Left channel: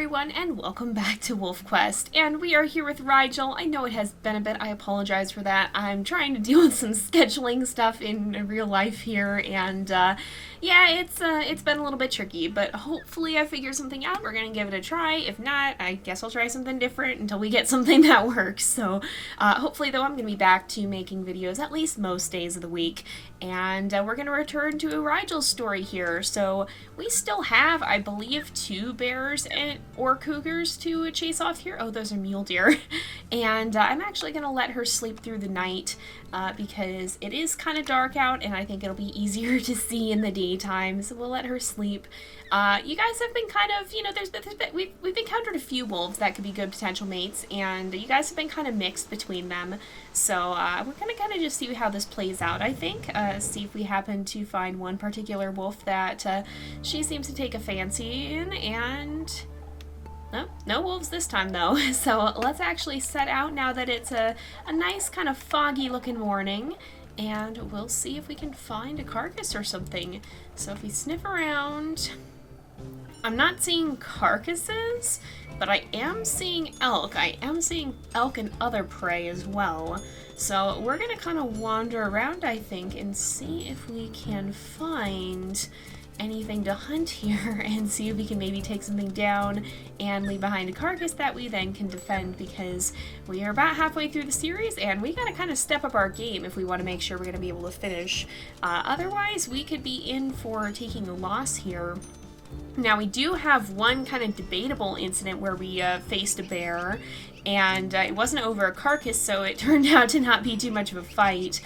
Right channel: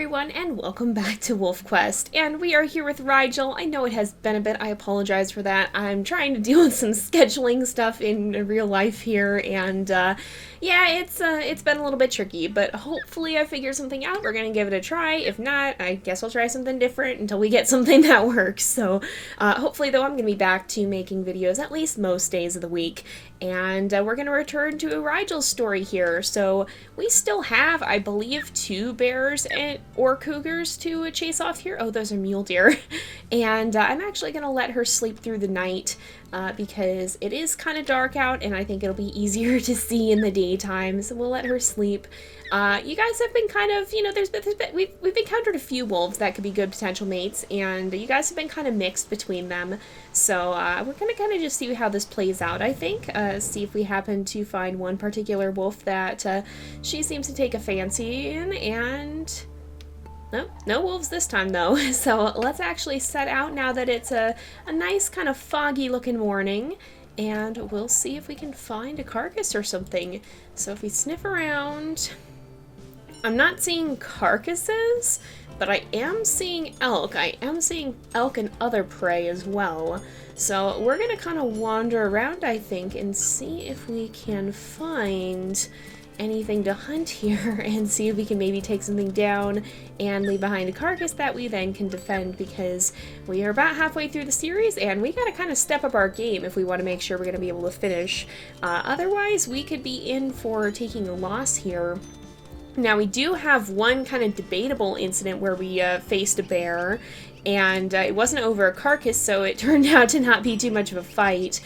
everyone, and welcome back to WolfQuest. And we are here with Rigel. I know it has been a bit, I apologize for that. I'm trying to deal with some scheduling stuff in real life here, and yeah, it's been a little bit tricky, but hopefully I figure something out. We're gonna give it a try. If not, I guess I'll try something different until we get something that works. So hopefully, though, I'm gonna be back to making videos at least most days of the week, and we're gonna return to Rigel's story here. So we still have, I believe, 2 bears or cougars to chase off here. Oh, those are mule deer. And I'm actually going to let her sleep through the night because it is kind of dark out and I think it'll be easier to see in the daytime. So we'll let her sleep. You guys have been kind of, you know, we've encountered a few wolves that could be good potential mates, and you guys have been kind of mixed between them. So we're going to kind of just see how this plays out, I think. See if we happen to find one particular wolf that she seems to take a fancy in, and no wolves this time though. So let's actually set out now that it's a nice kind of foggy looking morning, and we'll see if we can find a carcass or something. So if we sniff around, I'm not seeing carcasses, but I am seeing elk. I am seeing elk and other prey as well. So we're gonna kind of wander around, I think, and see if we can find anything to hunt here and see if we can maybe take something down and leave behind a carcass that we then can defend, because we are about halfway through the series and we gotta kind of step up our game if we want to make sure we're gonna be able to finish. Otherwise, we could be in for taking a loss here. Now, we do have one kind of debatable incident where we faced a bear, and it wasn't over a carcass, so it turned out to not be too much of a fight.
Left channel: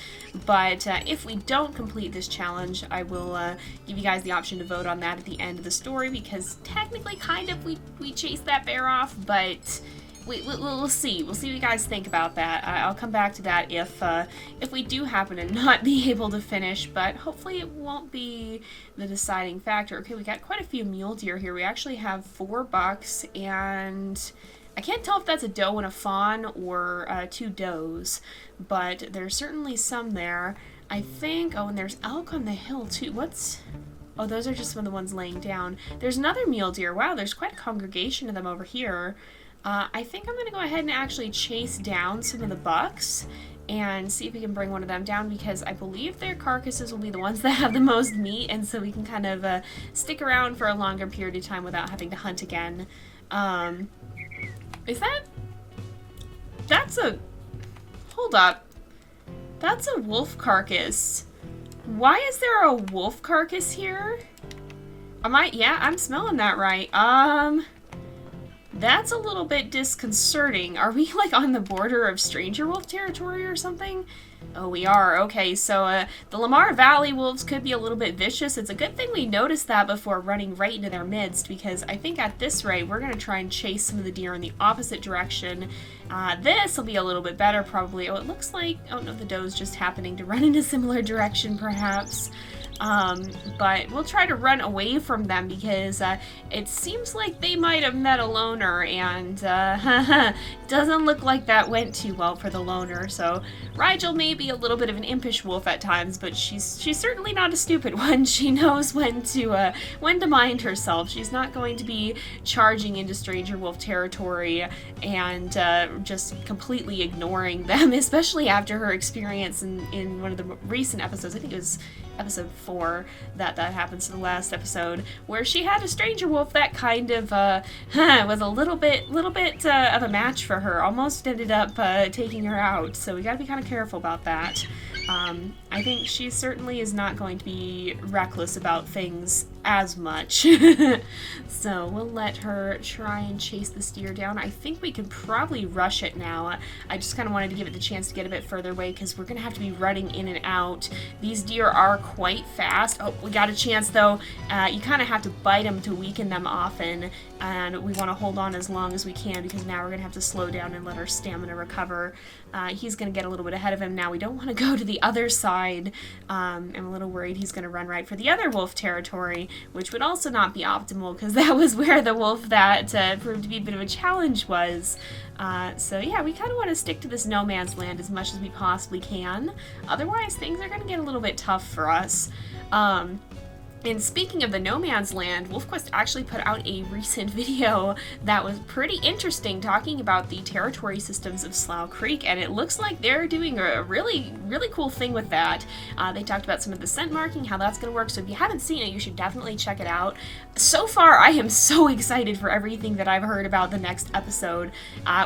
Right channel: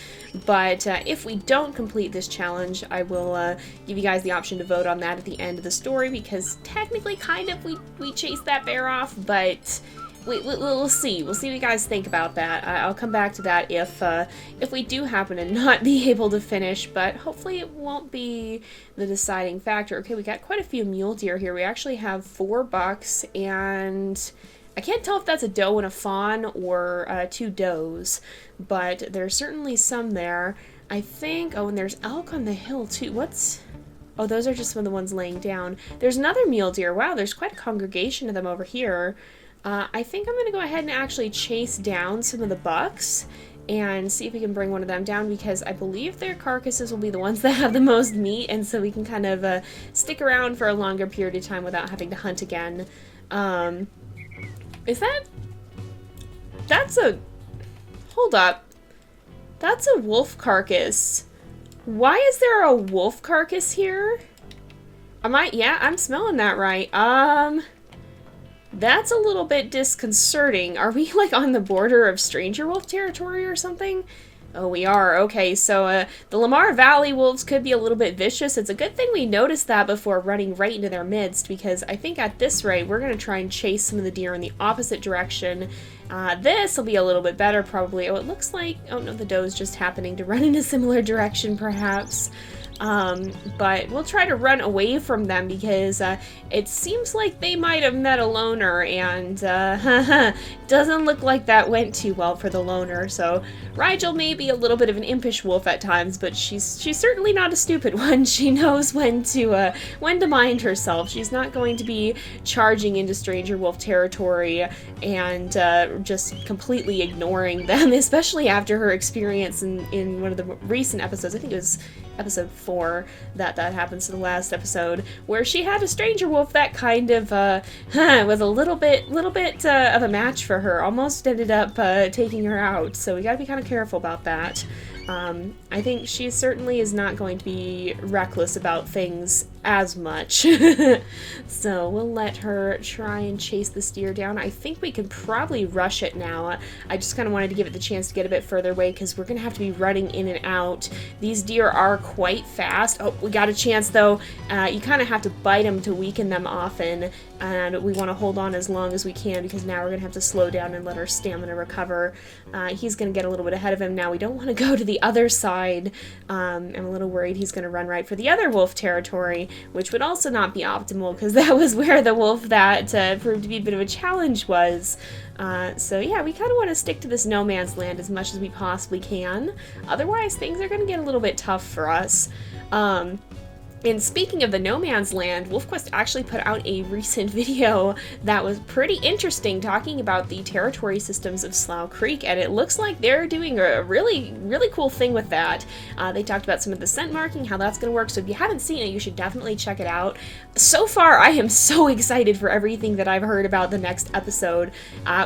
But if we don't complete this challenge, I will give you guys the option to vote on that at the end of the story, because technically, kind of, we chased that bear off, but we'll see. We'll see what you guys think about that. I'll come back to that if we do happen to not be able to finish, but hopefully it won't be the deciding factor. Okay, we got quite a few mule deer here. We actually have 4 bucks, and I can't tell if that's a doe and a fawn or 2 does, but there's certainly some there. I think, oh, and there's elk on the hill too. Oh, those are just some of the ones laying down. There's another mule deer. Wow, there's quite a congregation of them over here. I think I'm going to go ahead and actually chase down some of the bucks and see if we can bring one of them down, because I believe their carcasses will be the ones that have the most meat, and so we can kind of stick around for a longer period of time without having to hunt again. Hold up. That's a wolf carcass. Why is there a wolf carcass here? Yeah, I'm smelling that right. That's a little bit disconcerting. Are we, like, on the border of stranger wolf territory or something? Oh, we are. Okay, so the Lamar Valley wolves could be a little bit vicious. It's a good thing we noticed that before running right into their midst, because I think at this rate, we're going to try and chase some of the deer in the opposite direction. This will be a little bit better, probably. Oh, it looks like... Oh, no, the doe's just happening to run in a similar direction, perhaps. But we'll try to run away from them, because it seems like they might have met a loner, and doesn't look like that went too well for the loner. So Rigel may be a little bit of an impish wolf at times, but she's certainly not a stupid one. She knows when to mind herself. She's not going to be charging into stranger wolf territory and just completely ignoring them, especially after her experience in one of the recent episodes. I think it was episode 4 that happens to the last episode, where she had a stranger wolf that kind of was a little bit of a match for her. Almost ended up taking her out, so we gotta be kind of careful about that. I think she certainly is not going to be reckless about things as much. So we'll let her try and chase this deer down. I think we can probably rush it now. I just kind of wanted to give it the chance to get a bit further away, because we're going to have to be running in and out. These deer are quite fast. Oh, we got a chance though. You kind of have to bite them to weaken them often, and we want to hold on as long as we can, because now we're going to have to slow down and let our stamina recover. He's going to get a little bit ahead of him now. We don't want to go to the other side. I'm a little worried he's going to run right for the other wolf territory, which would also not be optimal, because that was where the wolf that proved to be a bit of a challenge was. So yeah, we kind of want to stick to this no man's land as much as we possibly can. Otherwise, things are going to get a little bit tough for us. And speaking of the no man's land, WolfQuest actually put out a recent video that was pretty interesting, talking about the territory systems of Slough Creek, and it looks like they're doing a really, really cool thing with that. They talked about some of the scent marking, how that's going to work, so if you haven't seen it, you should definitely check it out. So far, I am so excited for everything that I've heard about the next episode.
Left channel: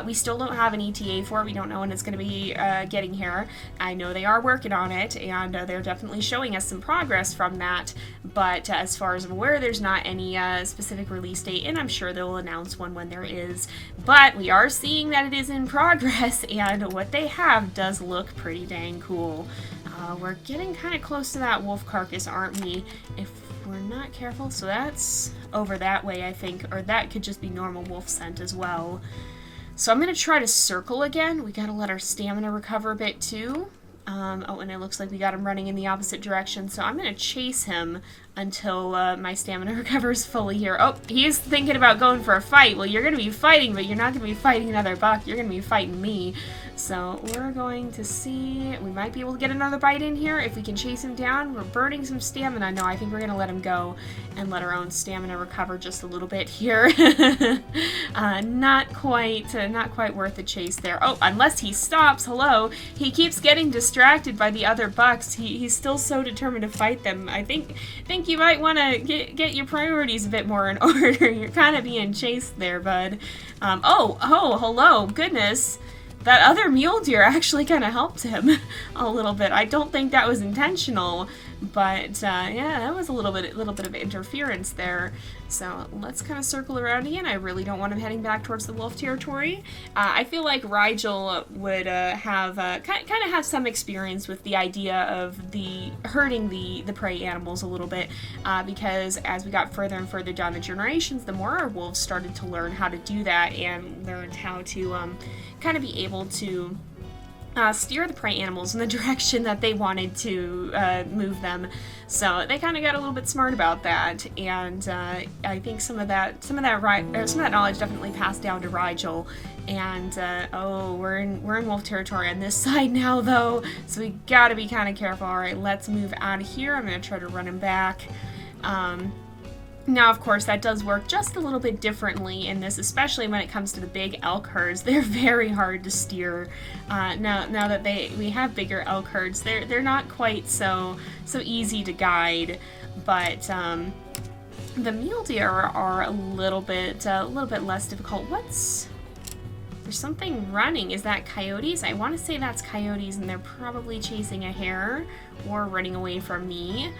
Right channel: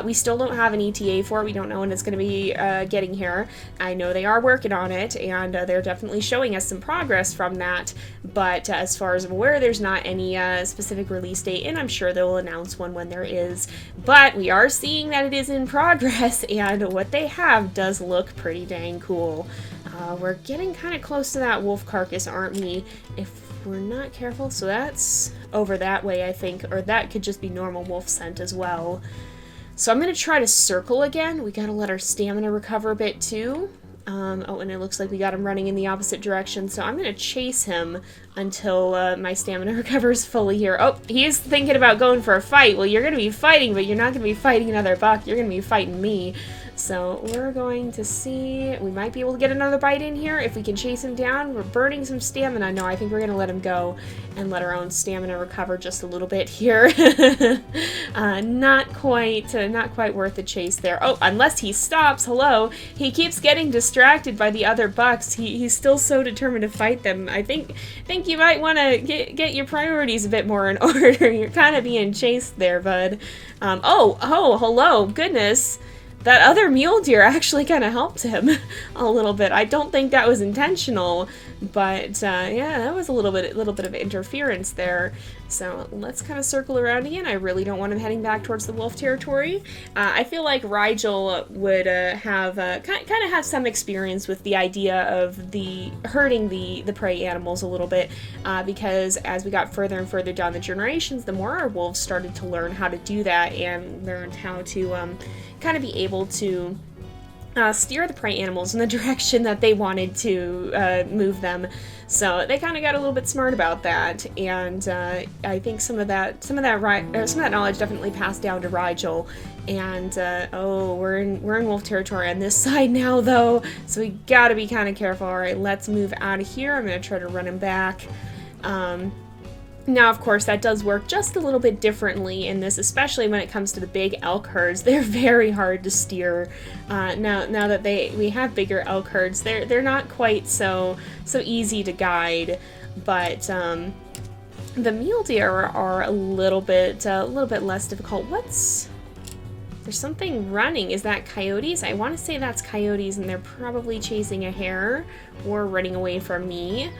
We still don't have an ETA for it. We don't know when it's going to be getting here. I know they are working on it, and they're definitely showing us some progress from that, but as far as I'm aware, there's not any specific release date, and I'm sure they'll announce one when there is. But we are seeing that it is in progress, and what they have does look pretty dang cool. We're getting kind of close to that wolf carcass, aren't we? If we're not careful, so that's over that way, I think, or that could just be normal wolf scent as well. So I'm going to try to circle again. We got to let our stamina recover a bit too. Oh, and it looks like we got him running in the opposite direction, so I'm going to chase him until my stamina recovers fully here. Oh, he's thinking about going for a fight. Well, you're going to be fighting, but you're not going to be fighting another buck. You're going to be fighting me. So we're going to see. We might be able to get another bite in here if we can chase him down. We're burning some stamina. No, I think we're going to let him go and let our own stamina recover just a little bit here. Not quite worth the chase there. Oh, unless he stops. Hello. He keeps getting distracted by the other bucks. He's still so determined to fight them. I think you might want to get your priorities a bit more in order. You're kind of being chased there, bud. Oh, hello. Goodness. That other mule deer actually kind of helped him a little bit. I don't think that was intentional, but yeah, that was a little bit of interference there. So let's kind of circle around again. I really don't want him heading back towards the wolf territory. I feel like Rigel would have kind of have some experience with the idea of the hurting the prey animals a little bit, because as we got further and further down the generations, the more our wolves started to learn how to do that and learned how to kind of be able to steer the prey animals in the direction that they wanted to move them. So they kind of got a little bit smart about that, and I think some of that knowledge definitely passed down to Rigel. And oh, we're in wolf territory on this side now, though, so we gotta be kind of careful. All right, let's move out of here. I'm gonna try to run him back. Now, of course, that does work just a little bit differently in this, especially when it comes to the big elk herds. They're very hard to steer. Now that we have bigger elk herds, they're not quite so easy to guide. But the mule deer are a little bit less difficult. There's something running. Is that coyotes? I want to say that's coyotes, and they're probably chasing a hare or running away from me.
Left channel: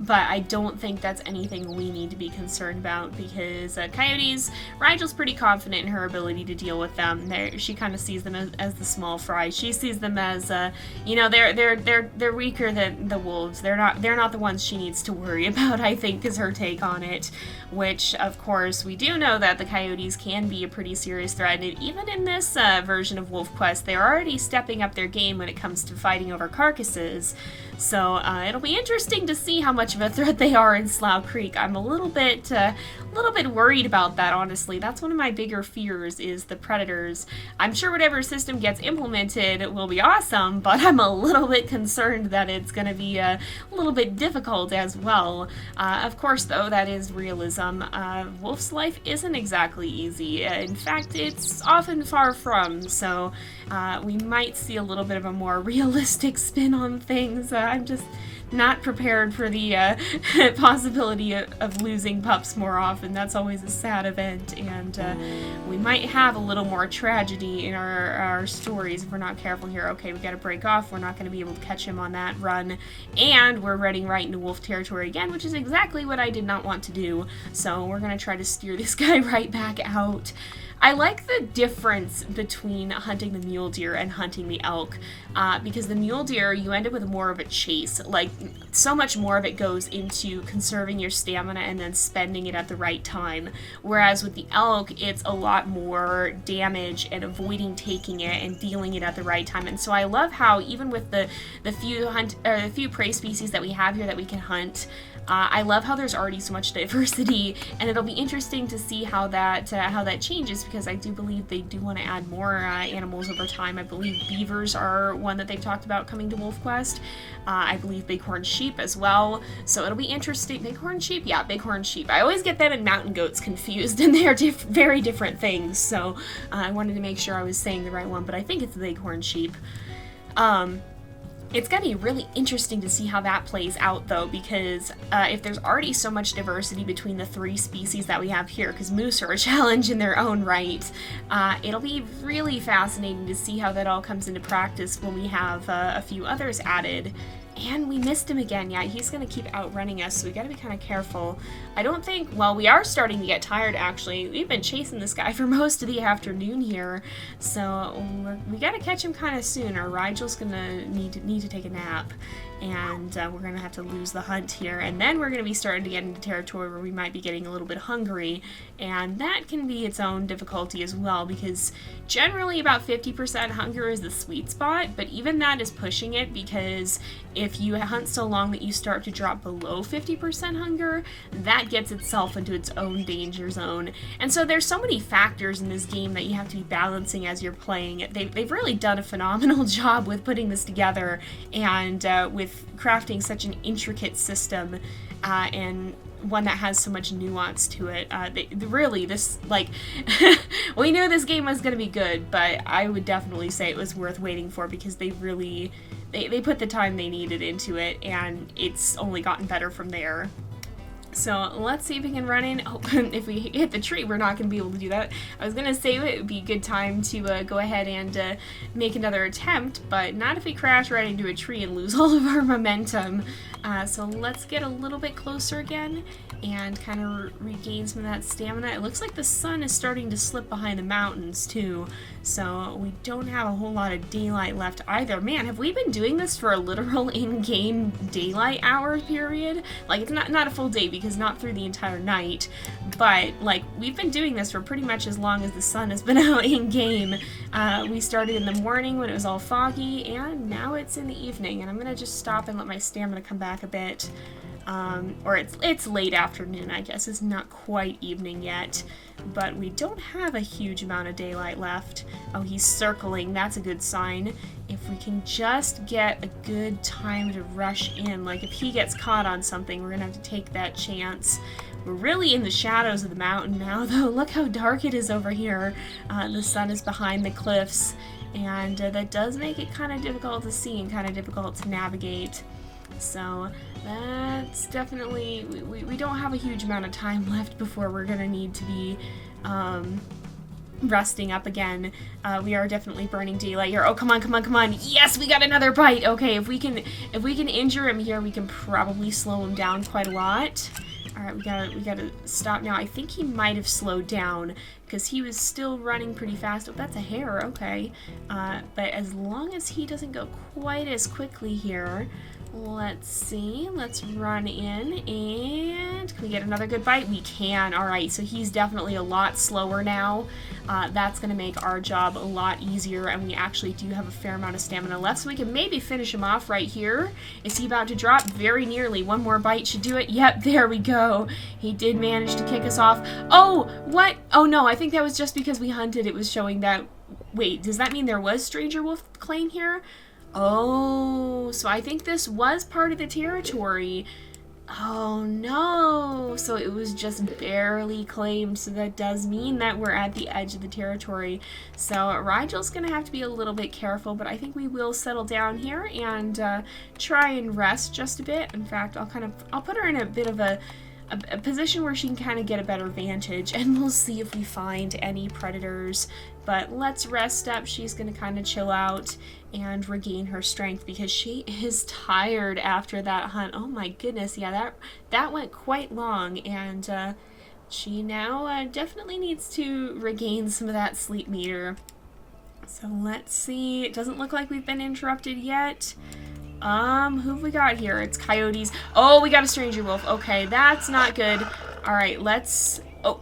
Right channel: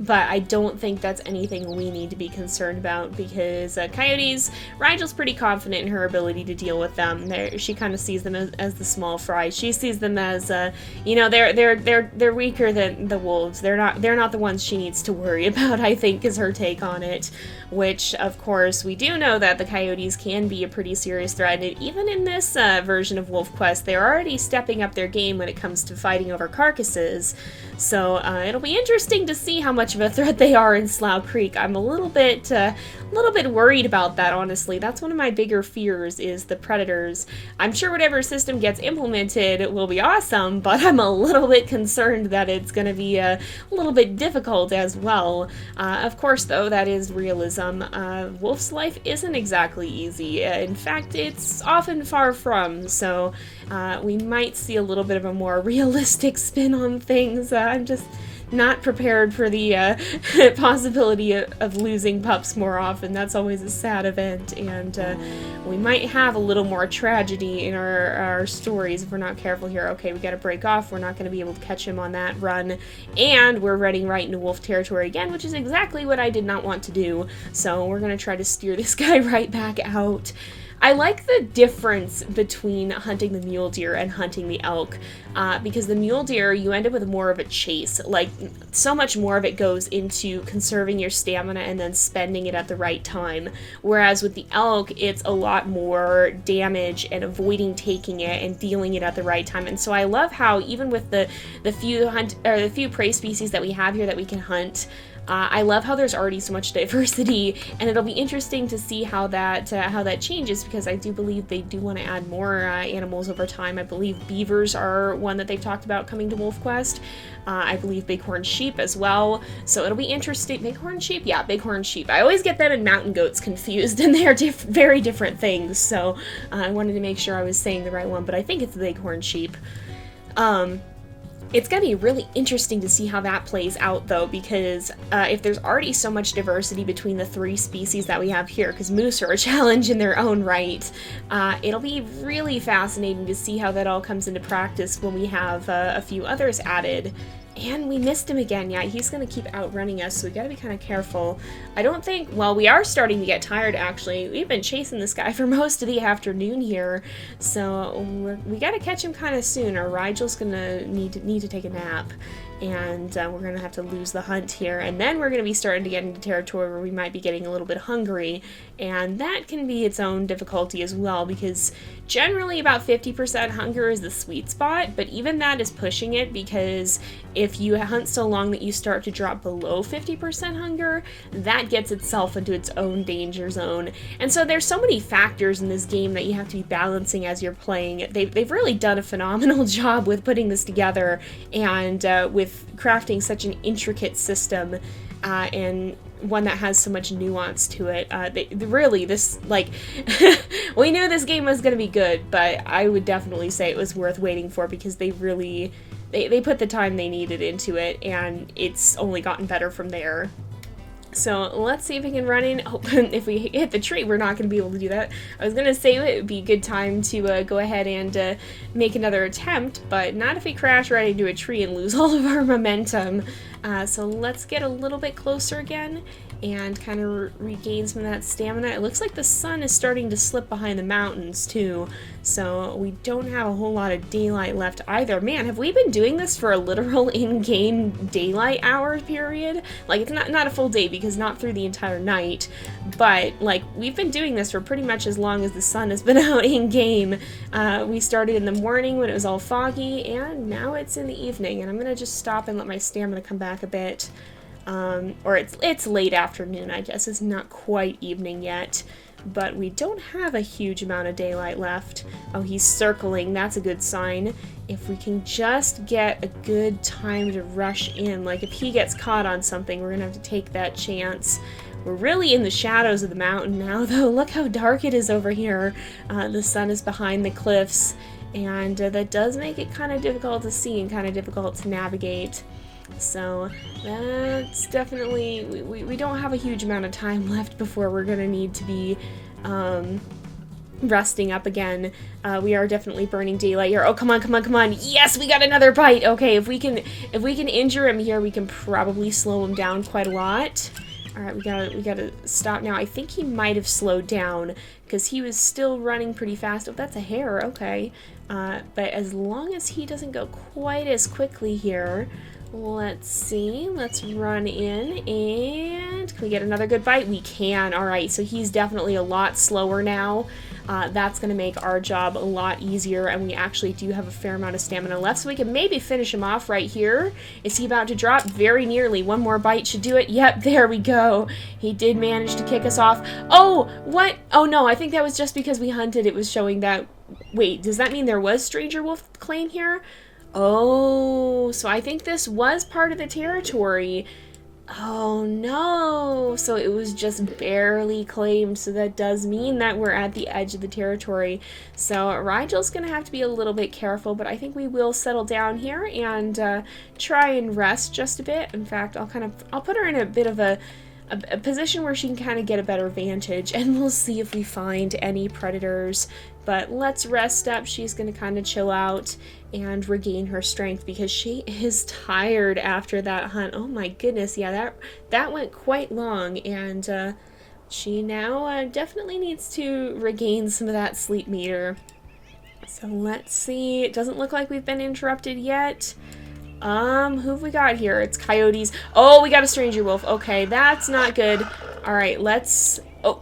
But I don't think that's anything we need to be concerned about, because coyotes, Rigel's pretty confident in her ability to deal with them. She kind of sees them as the small fry. She sees them as, they're weaker than the wolves. They're not the ones she needs to worry about, I think, is her take on it. Which, of course, we do know that the coyotes can be a pretty serious threat. And even in this version of WolfQuest, they're already stepping up their game when it comes to fighting over carcasses. So it'll be interesting to see how much of a threat they are in Slough Creek. I'm a little bit worried about that, honestly. That's one of my bigger fears, is the predators. I'm sure whatever system gets implemented will be awesome, but I'm a little bit concerned that it's going to be a little bit difficult as well. Of course, though, that is realism. Wolf's life isn't exactly easy. In fact, it's often far from, so we might see a little bit of a more realistic spin on things. I'm just not prepared for the possibility of losing pups more often. That's always a sad event, and we might have a little more tragedy in our stories if we're not careful here. Okay, we gotta break off. We're not gonna be able to catch him on that run, and we're running right into wolf territory again, which is exactly what I did not want to do. So we're gonna try to steer this guy right back out. I like the difference between hunting the mule deer and hunting the elk, because the mule deer, you end up with more of a chase. Like, so much more of it goes into conserving your stamina and then spending it at the right time. Whereas with the elk, it's a lot more damage and avoiding taking it and dealing it at the right time. And so I love how even with the few prey species that we have here that we can hunt, I love how there's already so much diversity, and it'll be interesting to see how that changes, because I do believe they do want to add more animals over time. I believe beavers are one that they've talked about coming to WolfQuest. I believe bighorn sheep as well. So it'll be interesting. Bighorn sheep? Yeah, bighorn sheep. I always get them and mountain goats confused, and they are very different things. So I wanted to make sure I was saying the right one, but I think it's the bighorn sheep. It's going to be really interesting to see how that plays out, though, because if there's already so much diversity between the 3 species that we have here, because moose are a challenge in their own right, it'll be really fascinating to see how that all comes into practice when we have a few others added. And we missed him again. Yeah, he's going to keep outrunning us, so we got to be kind of careful. I don't think... Well, we are starting to get tired, actually. We've been chasing this guy for most of the afternoon here, so we got to catch him kind of soon, or Rigel's going to need to take a nap. And we're going to have to lose the hunt here. And then we're going to be starting to get into territory where we might be getting a little bit hungry. And that can be its own difficulty as well, because generally about 50% hunger is the sweet spot, but even that is pushing it, because if you hunt so long that you start to drop below 50% hunger, that gets itself into its own danger zone. And so there's so many factors in this game that you have to be balancing as you're playing. They've really done a phenomenal job with putting this together, and with crafting such an intricate system, and one that has so much nuance to it. Really, this, like, we knew this game was going to be good, but I would definitely say it was worth waiting for, because they really, they put the time they needed into it, and it's only gotten better from there. So let's see if we can run in. Oh, if we hit the tree, we're not going to be able to do that. I was going to say it would be a good time to go ahead and make another attempt, but not if we crash right into a tree and lose all of our momentum. So let's get a little bit closer again and kind of regain some of that stamina. It looks like the sun is starting to slip behind the mountains too, so we don't have a whole lot of daylight left either. Man, have we been doing this for a literal in-game daylight hour period? Like, it's not a full day, because not through the entire night, but like, we've been doing this for pretty much as long as the sun has been out in-game. We started in the morning when it was all foggy, and now it's in the evening, and I'm gonna just stop and let my stamina come back a bit. Or it's late afternoon, I guess. It's not quite evening yet, but we don't have a huge amount of daylight left. Oh, he's circling. That's a good sign. If we can just get a good time to rush in, like if he gets caught on something, we're gonna have to take that chance. We're really in the shadows of the mountain now, though. Look how dark it is over here. The sun is behind the cliffs, and that does make it kind of difficult to see and kind of difficult to navigate. So that's definitely, we don't have a huge amount of time left before we're gonna need to be resting up again. We are definitely burning daylight here. Oh, come on, come on, come on. Yes, we got another bite. Okay, if we can injure him here, we can probably slow him down quite a lot. All right, we gotta stop now. I think he might have slowed down, because he was still running pretty fast. Oh, that's a hare. Okay, but as long as he doesn't go quite as quickly here. Let's see, let's run in, and can we get another good bite? We can. Alright, so he's definitely a lot slower now. That's going to make our job a lot easier, and we actually do have a fair amount of stamina left, so we can maybe finish him off right here. Is he about to drop? Very nearly. One more bite should do it. Yep, there we go. He did manage to kick us off. Oh, what? Oh no, I think that was just because we hunted. It was showing that... Wait, does that mean there was Stranger Wolf Claim here? Oh, so I think this was part of the territory. Oh no, so it was just barely claimed, so that does mean that we're at the edge of the territory. So Rigel's gonna have to be a little bit careful, but I think we will settle down here and try and rest just a bit. In fact, I'll put her in a bit of a position where she can kind of get a better vantage, and we'll see if we find any predators. But let's rest up. She's going to kind of chill out and regain her strength, because she is tired after that hunt. Oh my goodness, yeah, that went quite long, and she now definitely needs to regain some of that sleep meter. So let's see. It doesn't look like we've been interrupted yet. Who have we got here? It's coyotes. Oh, we got a stranger wolf. Okay, that's not good. All right, let's... Oh,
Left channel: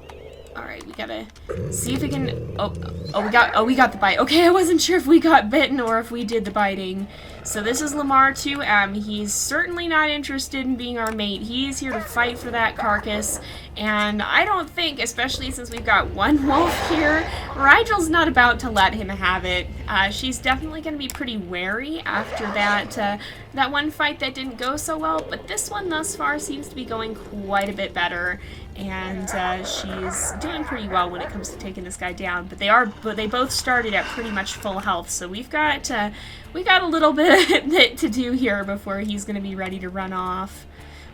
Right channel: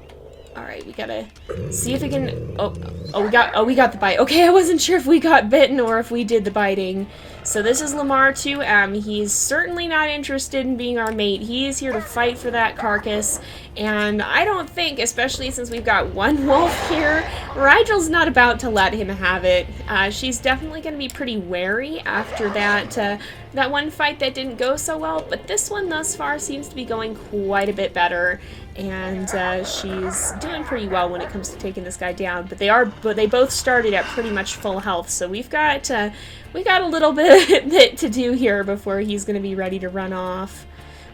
all right, we gotta see if we can... we got the bite. Okay, I wasn't sure if we got bitten or if we did the biting. So this is Lamar 2M. He's certainly not interested in being our mate. He is here to fight for that carcass, And I don't think, especially since we've got one wolf here, Rigel's not about to let him have it. She's definitely going to be pretty wary after that one fight that didn't go so well, but this one thus far seems to be going quite a bit better, and she's doing pretty well when it comes to taking this guy down. But they both started at pretty much full health, so we got a little bit to do here before he's going to be ready to run off.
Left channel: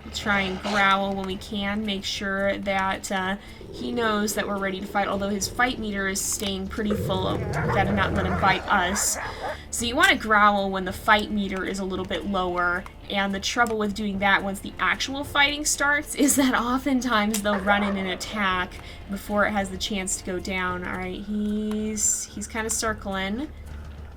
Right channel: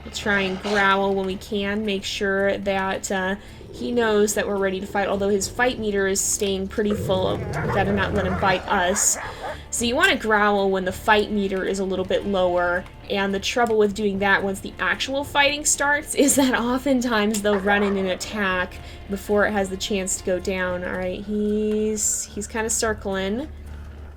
We'll try and growl when we can, make sure that he knows that we're ready to fight, although his fight meter is staying pretty full. We gotta not let him bite us. So you want to growl when the fight meter is a little bit lower, and the trouble with doing that once the actual fighting starts is that oftentimes they'll run in and attack before it has the chance to go down. Alright, he's kind of circling.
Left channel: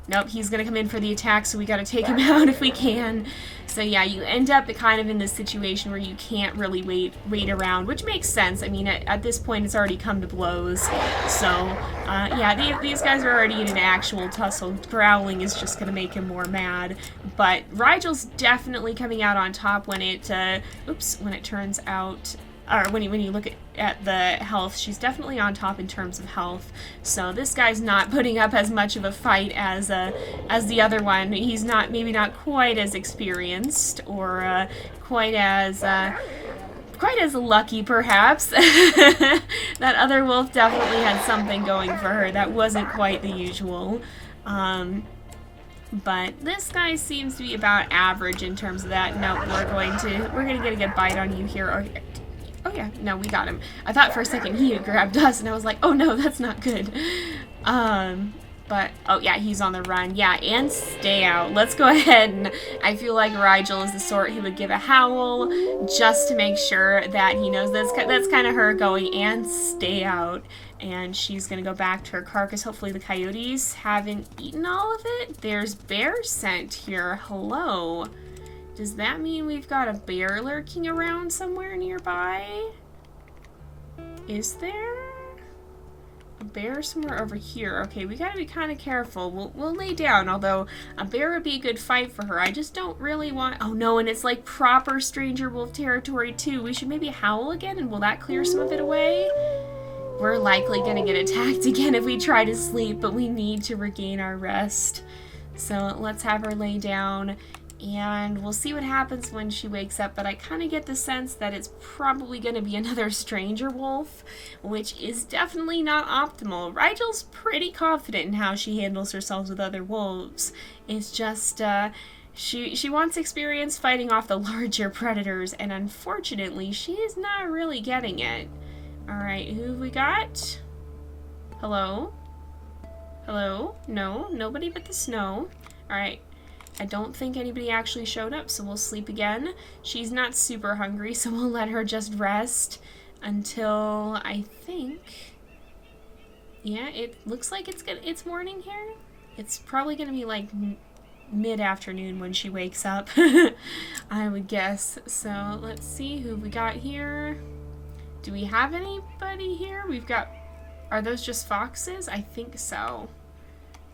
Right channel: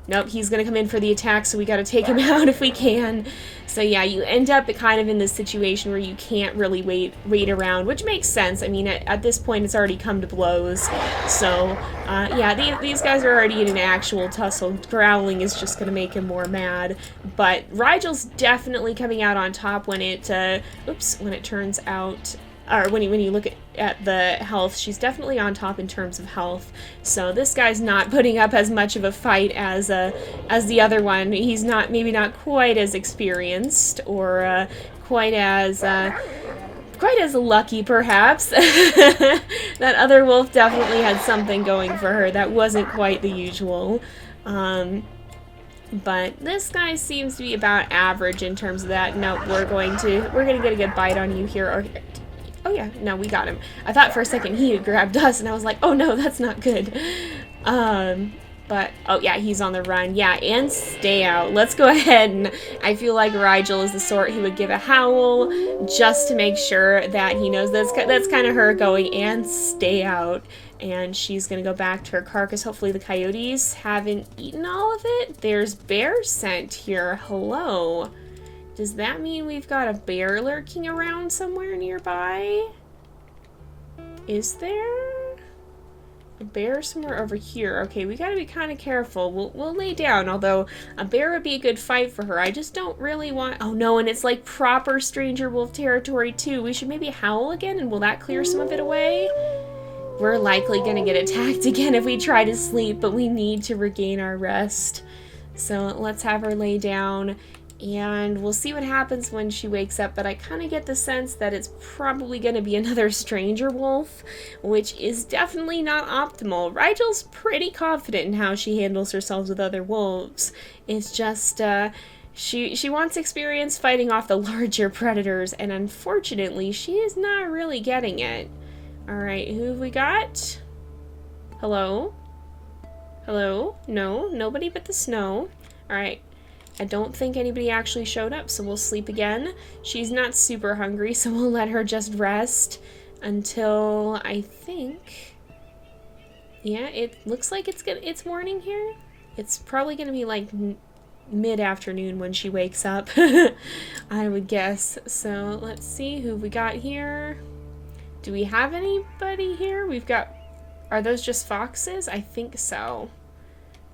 Nope, he's going to come in for the attack, so we got to take him out if we can. So yeah, you end up kind of in this situation where you can't really wait around, which makes sense. I mean, at this point, it's already come to blows. So, yeah, these guys are already in an actual tussle. Growling is just going to make him more mad. But Rigel's definitely coming out on top when it turns out... or when you look at the health, she's definitely on top in terms of health. So this guy's not putting up as much of a fight as the other one. He's maybe not quite as experienced or quite as lucky, perhaps. That other wolf definitely had something going for her. That wasn't quite the usual. But this guy seems to be about average in terms of that. No, we're gonna get a good bite on you here. Oh yeah, no, we got him. I thought for a second he had grabbed us, and I was like, oh no, that's not good. But, oh yeah, he's on the run. Yeah, and stay out. Let's go ahead, and I feel like Rigel is the sort who would give a howl just to make sure that he knows that's kind of her going, and stay out. And she's going to go back to her carcass. Hopefully the coyotes haven't eaten all of it. There's bear scent here. Hello. Does that mean we've got a bear lurking around somewhere nearby? Is there a bear somewhere over here? Okay, we gotta be kind of careful. We'll lay down, although a bear would be a good fight for her. I just don't really want... Oh no, and it's like proper stranger wolf territory too. We should maybe howl again, and will that clear some of it away? We're likely gonna get attacked again if we try to sleep, but we need to regain our rest. So let's have her lay down. And we'll see what happens when she wakes up, but I kind of get the sense that it's probably going to be another stranger wolf, which is definitely not optimal. Rigel's pretty confident in how she handles herself with other wolves. It's just, she wants experience fighting off the larger predators, and unfortunately, she is not really getting it. Alright, who have we got? Hello? Hello? No, nobody but the snow. Alright. I don't think anybody actually showed up, so we'll sleep again. She's not super hungry, so we'll let her just rest until, I think... Yeah, it looks like it's morning here. It's probably gonna be like mid-afternoon when she wakes up, I would guess. So let's see who we got here. Do we have anybody here? We've got... Are those just foxes? I think so.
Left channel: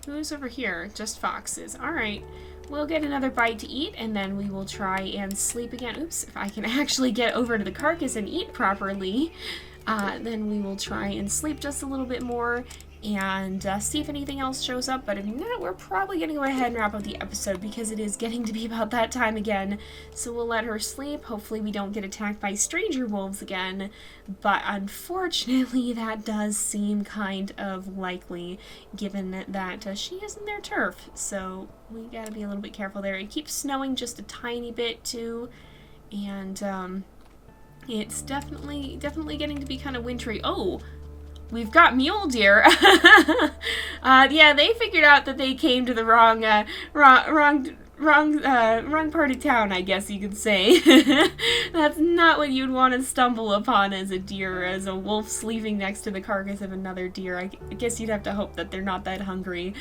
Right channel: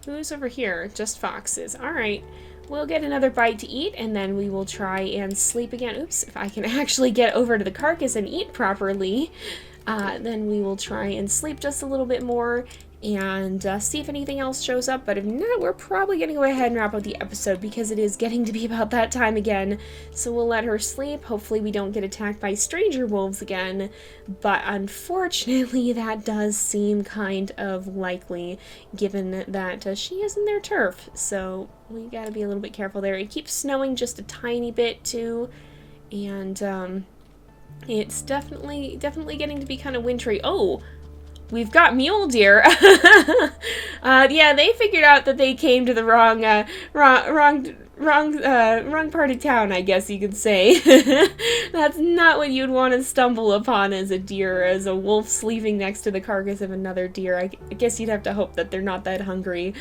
Who's over here? Just foxes. Alright. We'll get another bite to eat, and then we will try and sleep again. Oops, if I can actually get over to the carcass and eat properly, then we will try and sleep just a little bit more and see if anything else shows up. But if not, we're probably going to go ahead and wrap up the episode because it is getting to be about that time again. So we'll let her sleep. Hopefully we don't get attacked by stranger wolves again. But unfortunately, that does seem kind of likely, given that she is in their turf. So we gotta be a little bit careful there. It keeps snowing just a tiny bit too, and it's definitely getting to be kind of wintry. Oh, we've got mule deer. Yeah, they figured out that they came to the wrong part of town, I guess you could say. That's not what you'd want to stumble upon as a deer, as a wolf sleeping next to the carcass of another deer. I guess you'd have to hope that they're not that hungry.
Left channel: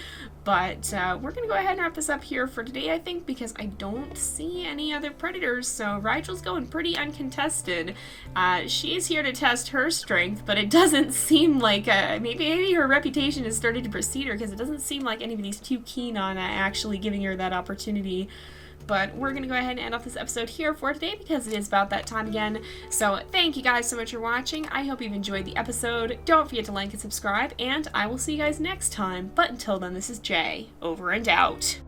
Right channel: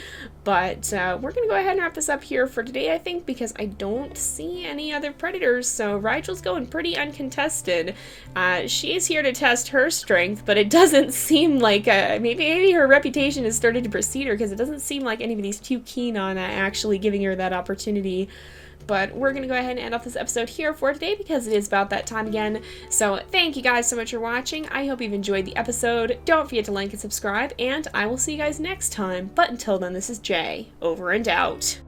But we're going to go ahead and wrap this up here for today, I think, because I don't see any other predators, so Rigel's going pretty uncontested. She's here to test her strength, but it doesn't seem like, maybe her reputation has started to precede her, because it doesn't seem like anybody's too keen on actually giving her that opportunity. But we're going to go ahead and end off this episode here for today because it is about that time again. So thank you guys so much for watching. I hope you've enjoyed the episode. Don't forget to like and subscribe, and I will see you guys next time. But until then, this is Jay, over and out.